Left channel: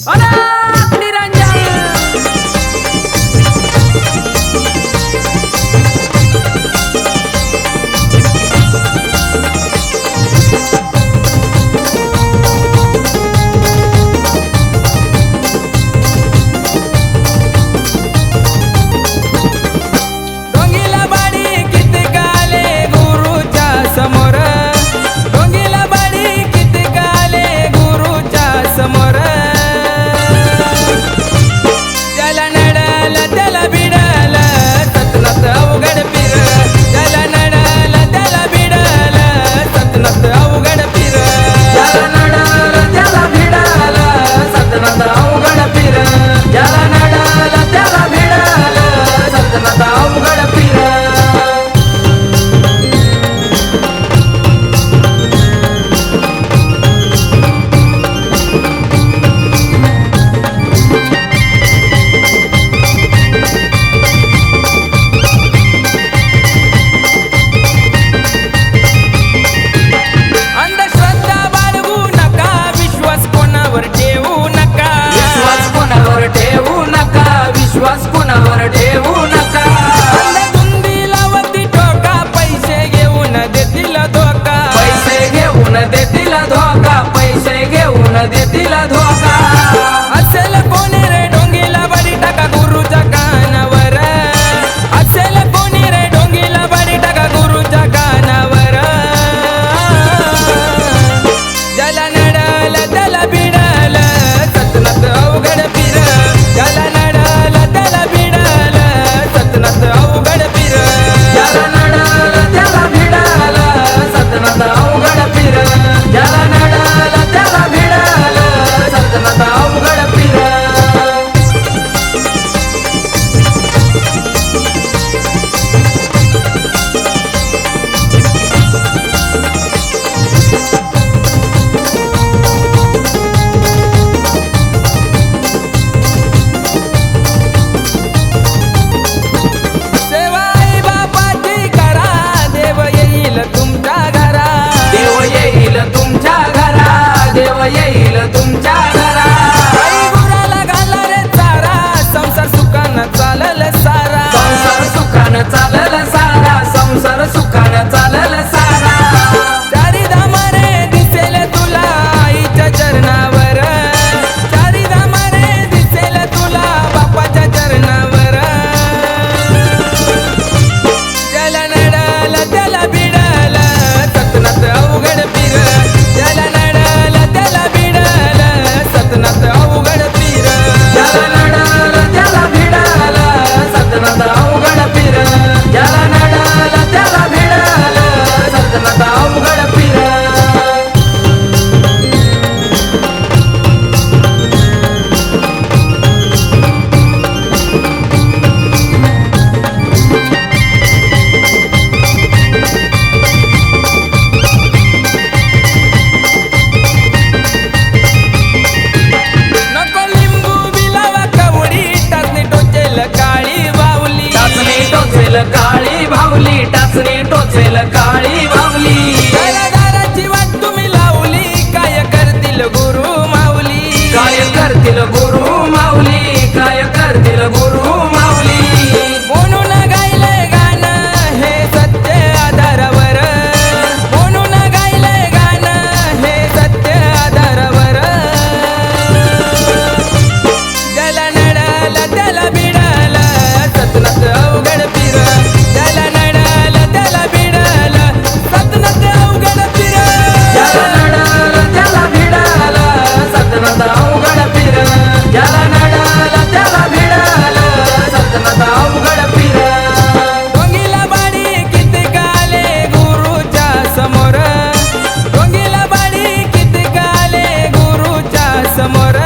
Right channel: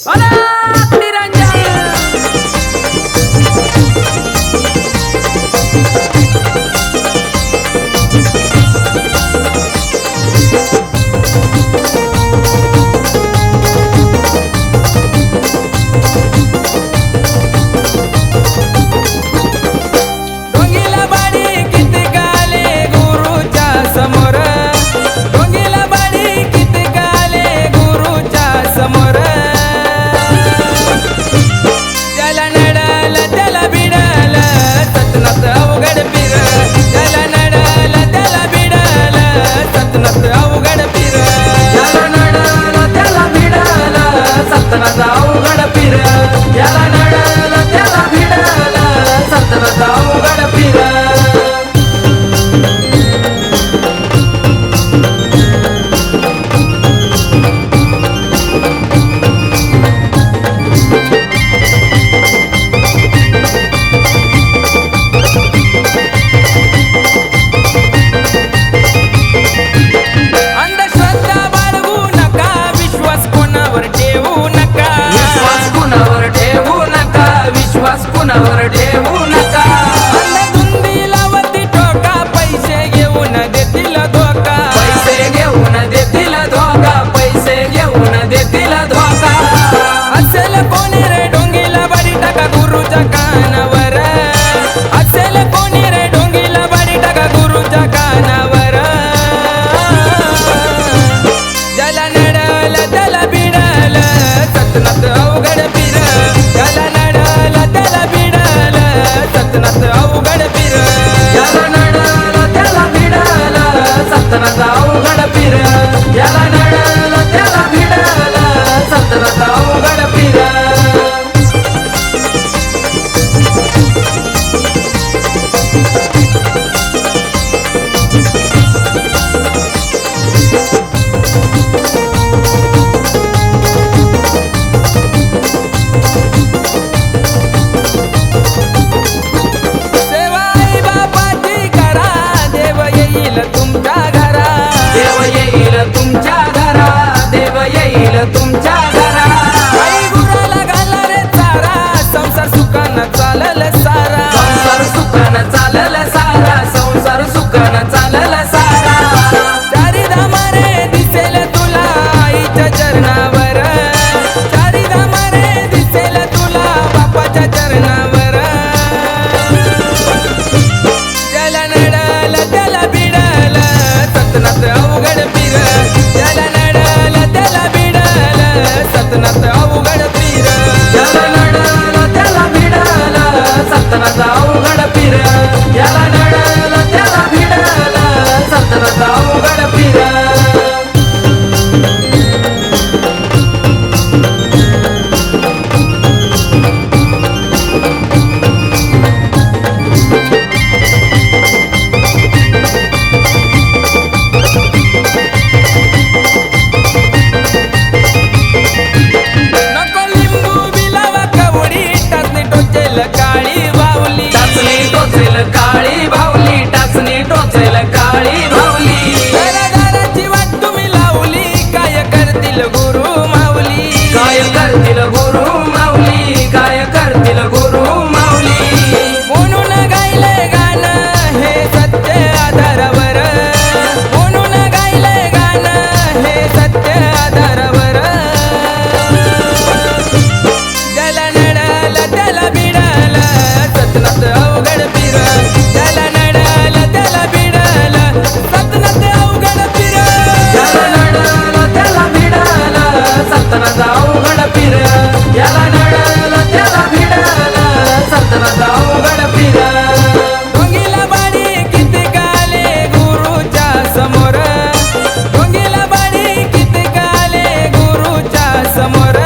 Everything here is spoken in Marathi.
अलग निरंजन डोंगीला बाडी किती गाले गुरुच्या समोर डोंगीला बाडी किती गाले गुरुच्या समोर त्याला नडल त्याला बिडल सतनात अवघड पीर त्याला नडल त्याला बिडल सतनात अवघड पीर त्याला नडल त्याला बिडल सतनात अवघड पीर त्याला नडल त्याला बिडल सतनात अवघड पीर अंधश्रद्धा बाळगू नका विश्वास कोणावर ठेवू नका कोणावर ठेवू नका विश्वास कोणावर ठेवू नका अंधधुंदीला वरती टोका पैसे घेऊन देतील धोका पैसे घेऊन देतील धोका पैसे घेऊन देतील धोका असेल कोणी रे डोंगीला बाडी टाका गुरुच्या कानावर असेल कोणी रे डोंगीला बाडी टाका गुरुच्या कानावर ज्याला नडल त्याला बिडल सतनात अवघड पीर ज्याला नडल त्याला बिडल सतनात अवघड पीर ज्याला नडल त्याला भिडल सतनात अवघड पीर ज्याला नडल त्याला भिडल सतनात अवघड पीर सेवा आई बापाची करा देव येईल तुमच्या घरा देव येईल तुमच्या घरा देव येईल तुमच्या घरा आई गुराला घाला रे चारा संसार सुखानं चालल सारा संसार सुखानं चालल सारा संसार सुखानं चालल सारा चारी धामारे दिसेल तुला आईच्या चरणावर चारी धामारे दिसेल तुला बापाच्या चरणावर त्याला नडल त्याला बिडल सतनात अवघड पीर त्याला नडल त्याला बिडल सतनात अवघड पीर ज्याला नडल त्याला भिडल सतनात अवघड पीर ज्याला नडल त्याला भिडल सतनात अवघड पीर नको लिंबू बिलावा कवडी टाचणी टोचेल काळी बावली टाचणी टोचेल काळी भावली टाचणी टोचेल काळी भावली घरादाराची वाट तुम्ही लावली काय करतील गुरु माऊली काय करतील गुरु माऊली काय करतील गुरु माऊली म्हणून गायलंय गाणं हे सत्य आधारावर म्हणून गायलंय गाणं हे सत्य आधारावर त्याला नडल त्याला बिडल सतनात अवघड पीर त्याला नडल त्याला बिडल सतनात अवघड पीर ज्याला नडल त्याला भिडल सतनात अवघड पीर ज्याला नडल त्याला भिडल सतनात अवघड पीर डोंगीला बाडी किती गाले गुरुच्या समोर डोंगीला बाडी किती गाले गुरुच्या समोर